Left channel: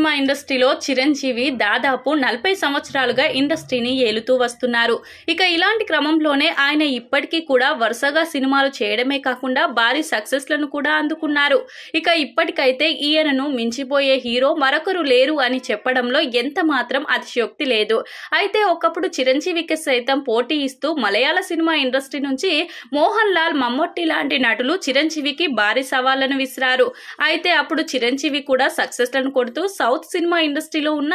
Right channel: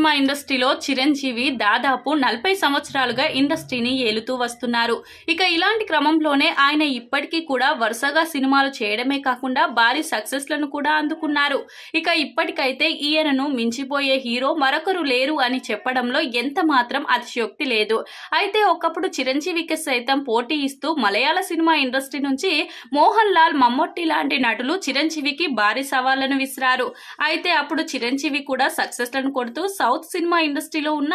Cinema ఇండస్ట్రీలో చిరంజీవి దాదాపు 40 సంవత్సరాలుగా ఇండస్ట్రీని ఏలుతూ వస్తున్నారు. ఇక ఇలాంటి క్రమంలోనే ఆయన ఇప్పటికీ కూడా వరుసగా సినిమాలు చేయడమే కాకుండా భారీ సక్సెస్లను కూడా అందుకున్నారు. ఇక ఇప్పటికైతే ఈయనను మించిపోయే హీరో మరొకరు లేరు అని చెప్పడంలో ఎంత మాత్రం అతిశయోక్తి లేదు. అయితే ఒకప్పుడు చిరంజీవికి సైతం పోటీ ఇస్తూ మలయాళ సినిమా ఇండస్ట్రీ నుంచి మోహన్ లాల్, మమ్మూట్టి లాంటి నటులు చిరంజీవికి భారీ సవాళ్లను విసిరారు. అయితే అప్పుడు చిరంజీవి కూడా సక్సెస్ లను కొడుతూ సౌత్ సినిమా ఇండస్ట్రీలో ఉన్న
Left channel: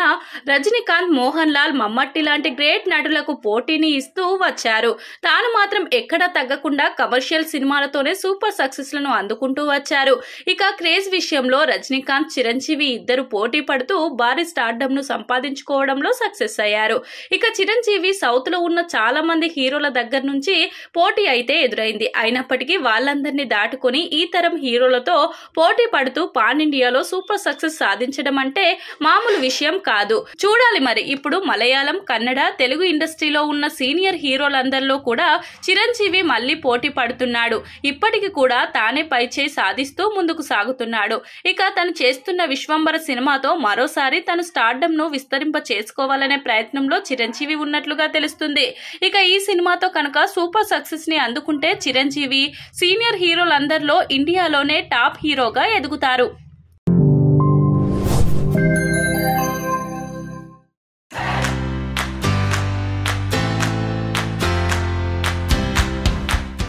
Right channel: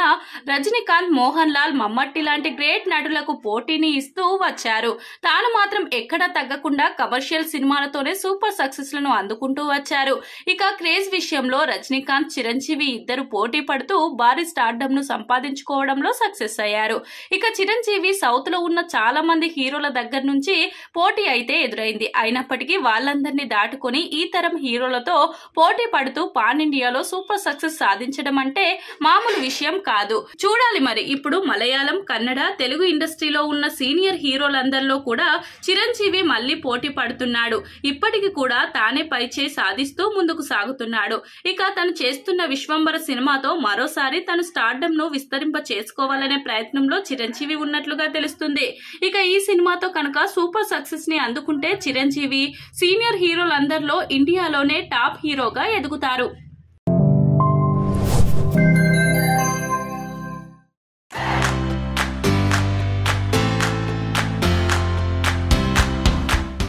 రజనీకాంత్, మోహన్ లాల్, మమ్మట్టి లాంటి గ్రేట్ నటులకు పోటీని ఇస్తూ వచ్చారు. తాను మాత్రం ఎక్కడా తగ్గకుండా కమర్షియల్ సినిమాలతోనే సూపర్ సక్సెస్ లను అందుకుంటూ వచ్చారు. ఇక క్రేజ్ విషయంలో రజనీకాంత్, చిరంజీవి ఇద్దరు పోటీ పడుతూ భారీ స్టార్డమ్ ను సంపాదించుకోవడంలో సక్సెస్ అయ్యారు. ఇక చిరంజీవి సౌత్ లో ఉన్న చాలా మంది హీరోల దగ్గర నుంచి పోటీ అయితే ఎదురైంది. అయినప్పటికీ వాళ్ళందరినీ దాటుకొని ఈ తరం హీరోలతో పోటీ పడుతూ పాన్ ఇండియాలో సూపర్ సక్సెస్ సాధించడం అంటే మామూలు విషయం కాదు. చూడాలి మరి ఇప్పుడు మలయాళం, కన్నడ, తెలుగు ఇండస్ట్రీలో ఉన్న సీనియర్ హీరోలందరిలో కూడా చిరంజీవి మళ్లీ పోటీ పడుతున్నాడు. ఇప్పటికి కూడా తానే పైచేయి సాధిస్తూ ముందుకు సాగుతున్నాడు. ఇక తను చేస్తున్న విశ్వంబర సినిమాతో మరోసారి తను స్టార్డమ్ ను విస్తరింప చేసుకోవాలనే ప్రయత్నంలో చిరంజీవి ఉన్నట్లుగా తెలుస్తుంది. ఇక ఈ సినిమాతో కనుక సూపర్ సక్సెస్ ని అందుకుంటే చిరంజీవి సీనియర్ హీరోలందరిలో ఇండియాలోనే టాప్ హీరోగా ఎదుగుతారు.